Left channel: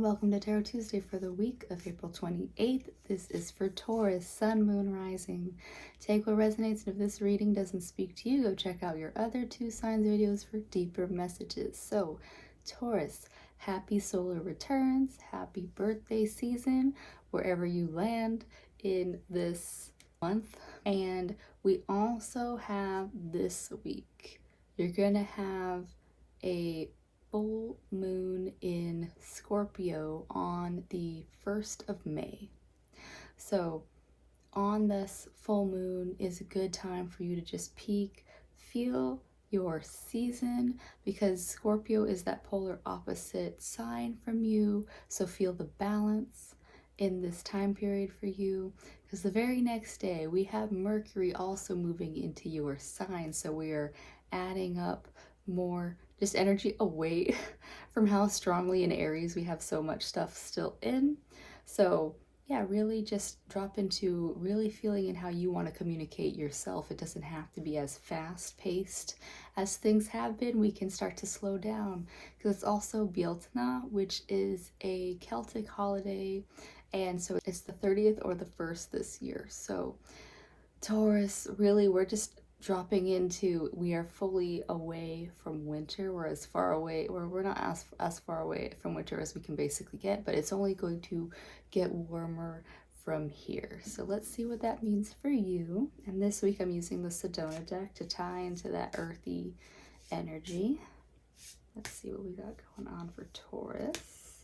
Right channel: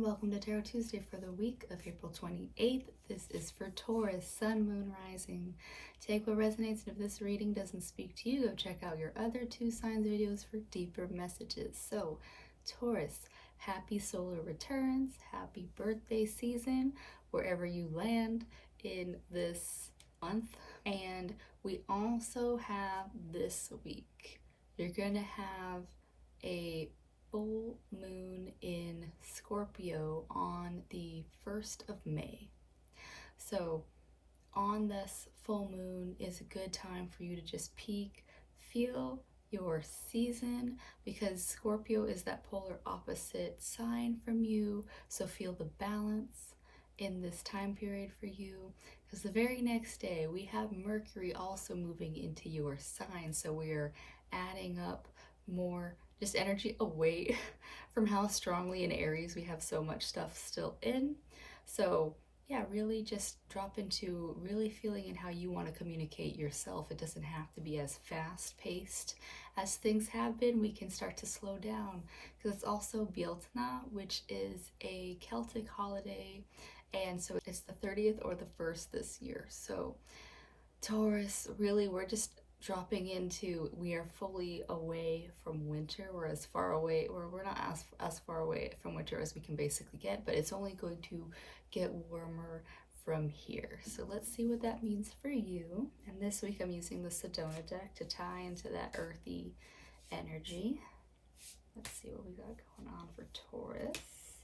Welcome to Tarot Tuesday for the week of April 28th. This is for Taurus, Sun, Moon, Rising. Take what resonates, and if this reading doesn't speak to you, go check out your other two signs videos for deeper messages. So, Taurus, happy solar returns, happy birthday season, wherever you land in this month. And we also have this week, you're going to have a full moon in Scorpio on the 1st of May. So on this full moon is a good time for you to just peek, feel your season, because Scorpio is that polar opposite sign from you. So feel the balance in this time period for you, because the very next day we have Mercury also moving into your sign. So we are adding up more just energy away from how strongly in Aries we have so much stuff still in. So yeah, really just drop into really feeling in how you want to communicate yourself. It doesn't have to be as fast-paced as things have been. We can start to slow down, because it's also Bealtaine, which is a Celtic holiday, and so it's the 30th or the 1st this year. So Taurus, really, we're just dropping into, we are fully away from winter. We're as far away, or we're not as far away from winter as we can basically get, but it's only going to get warmer from here. So let's see what that means for you. And this week I'm using the Sedona deck to tie into that earthy energy. Let's see what we got going on for Taurus.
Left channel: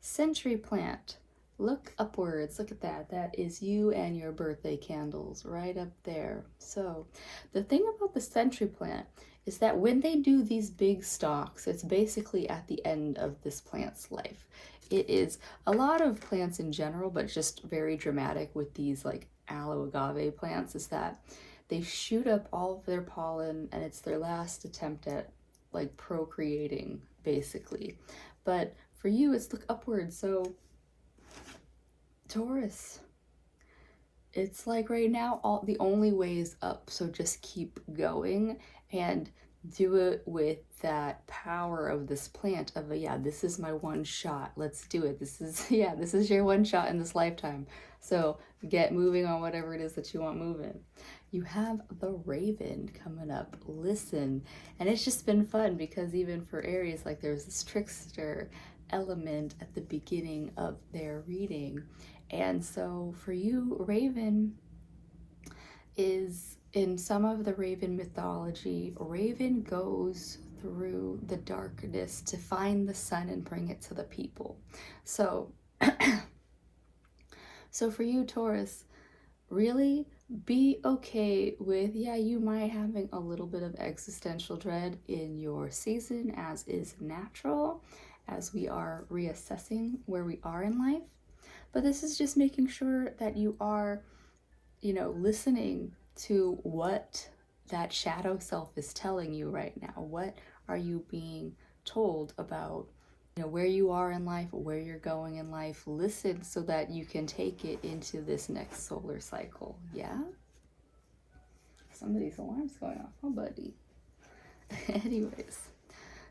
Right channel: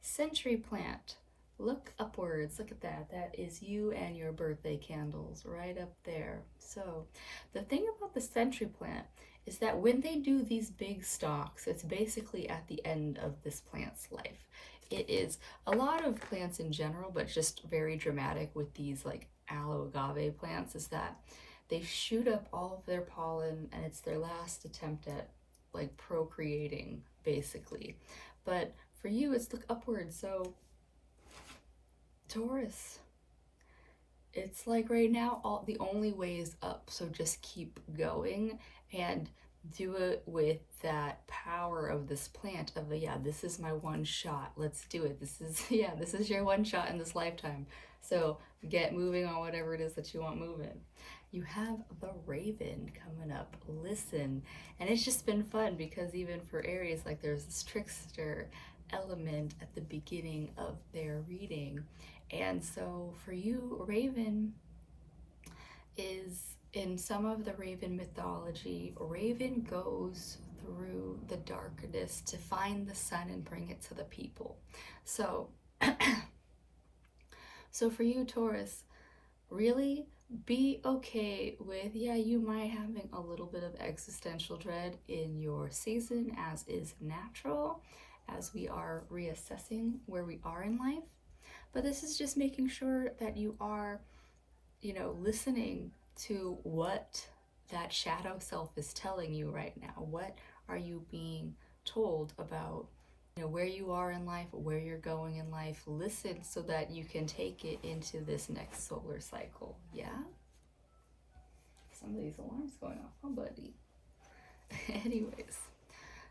Century plant. Look upwards, look at that. That is you and your birthday candles right up there. So the thing about the century plant is that when they do these big stalks, it's basically at the end of this plant's life. It is a lot of plants in general, but just very dramatic with these like aloe agave plants, is that they shoot up all of their pollen and it's their last attempt at like procreating basically. But for you, it's look upwards. So Taurus, it's like right now the only way is up, so just keep going and do it with that power of this plant of yeah, this is my one shot, let's do it, this is your one shot in this lifetime, so get moving on whatever it is that you want moving. You have the Raven coming up, listen, and it's just been fun because even for Aries, like there's this trickster element at the beginning of their reading. And so for you, Raven is, in some of the Raven mythology, Raven goes through the darkness to find the sun and bring it to the people. So, so for you, Taurus, really be okay with, yeah, you might having a little bit of existential dread in your season, as is natural, as we are reassessing where we are in life. But this is just making sure that you are, listening to what that shadow self is telling you right now. What are you being told about, where you are in life, where you're going in life? Listen so that you can take it into this next solar cycle. Yeah? Somebody's alarm's going off, huh, buddy? Anyways,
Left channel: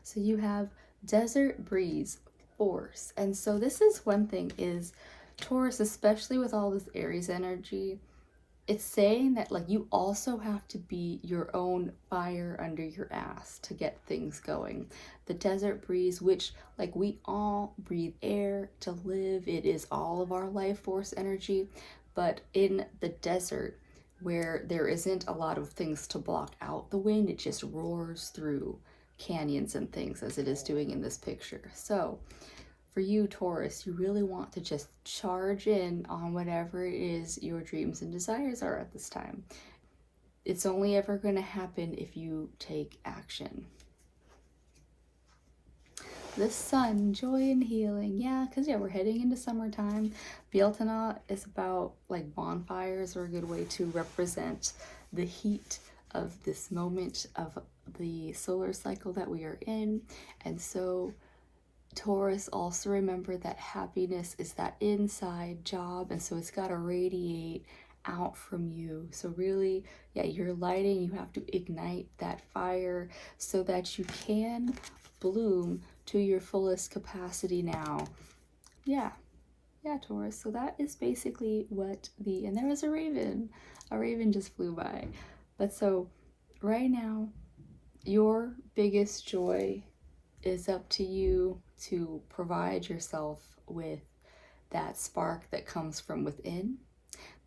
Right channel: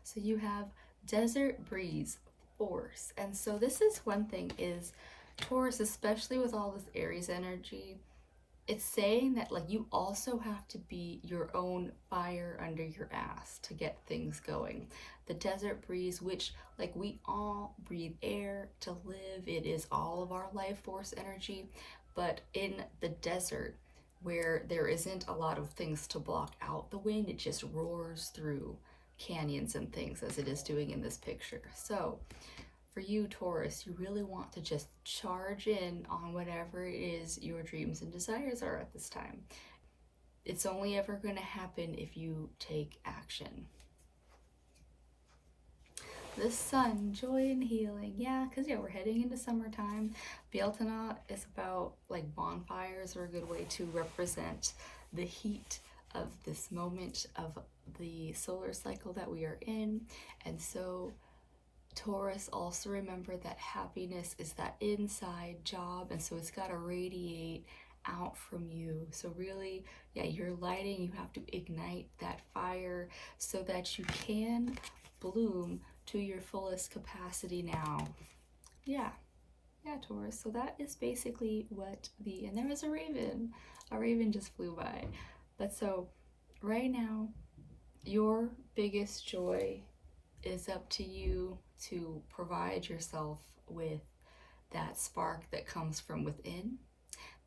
so you have Desert Breeze, Force. And so this is one thing is, Taurus, especially with all this Aries energy, it's saying that like you also have to be your own fire under your ass to get things going. The desert breeze, which like we all breathe air to live, it is all of our life force energy, but in the desert where there isn't a lot of things to block out the wind, it just roars through canyons and things as it is doing in this picture. So for you, Taurus, you really want to just charge in on whatever it is your dreams and desires are at this time. It's only ever going to happen if you take action. The Sun, joy and healing. Yeah, because we're heading into summertime. Bealtaine is about like bonfires, are a good way to represent the heat of this moment of the solar cycle that we are in. And so Taurus, also remember that happiness is that inside job, and so it's got to radiate out from you. So really, yeah, you're lighting, you have to ignite that fire so that you can bloom to your fullest capacity now. Yeah, Taurus. So that is basically what and there was a raven. A raven just flew by. But so right now, your biggest joy is up to you to provide yourself with that spark that comes from within.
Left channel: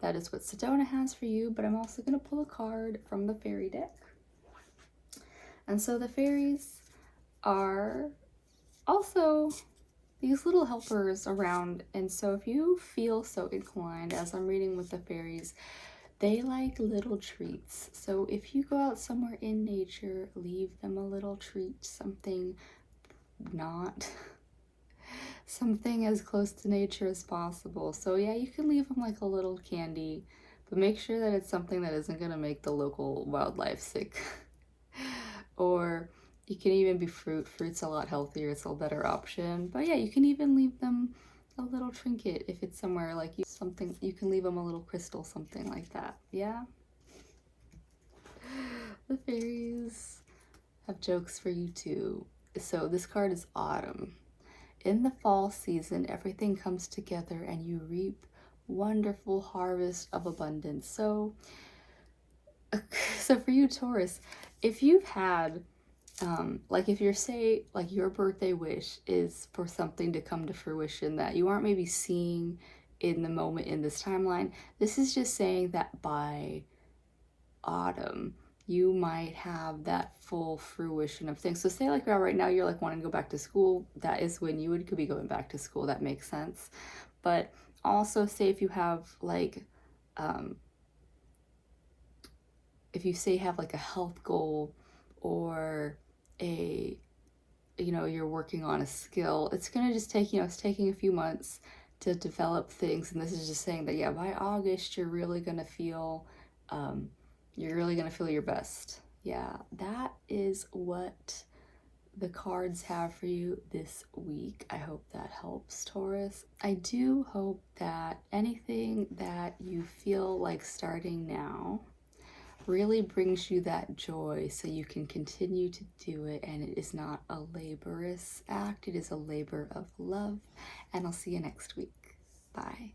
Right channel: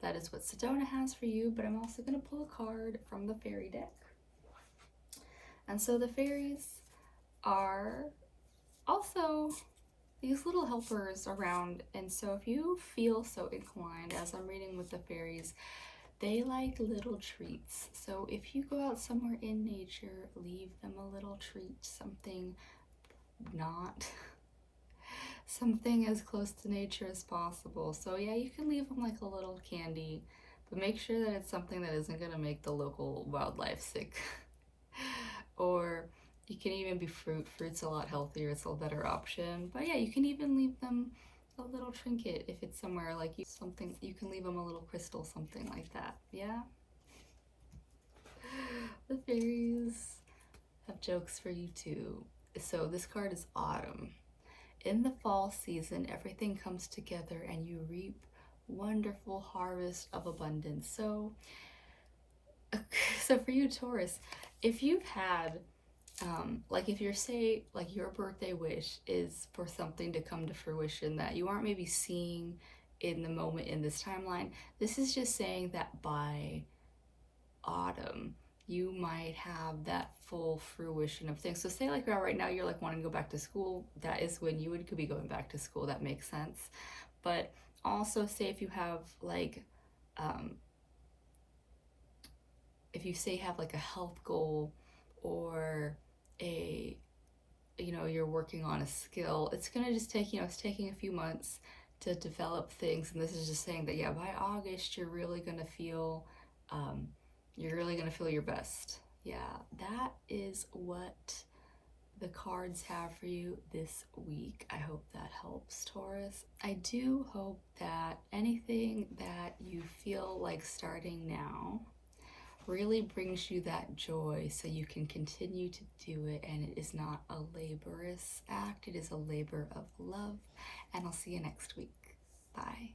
That is what Sedona has for you, but I'm also going to pull a card from the fairy deck. And so the fairies are also these little helpers around, and so if you feel so inclined, as I'm reading with the fairies, they like little treats. So if you go out somewhere in nature, leave them a little treat, something as close to nature as possible. So yeah, you can leave them like a little candy, but make sure that it's something that isn't going to make the local wildlife sick. Or you can even be fruit. Fruit's a lot healthier, it's a better option. But yeah, you can even leave them a little trinket if it's somewhere like you can leave them a little crystal, something like that. Yeah. The fairies have jokes for you too. So this card is autumn. In the fall season, everything comes together and you reap wonderful harvest of abundance. So for you, Taurus, if you've had like if you're like your birthday wish is for something to come to fruition that you aren't maybe seeing in the moment in this timeline, this is just saying that by autumn you might have that full fruition of things. So say like right now you're like wanting to go back to school, that is when you could be going back to school. That makes sense. But also say if you have like if you say have like a health goal, or you're working on a skill, it's gonna just take it's taking a few months to develop things, and this is just saying that yeah, by August you're really gonna feel your best. Yeah, that is what the cards have for you this week. I hope that helps, Taurus. I do hope that anything that you feel like starting now really brings you that joy so you can continue to do it, and it is not a laborious act, it is a labor of love. And I'll see you next week. Bye.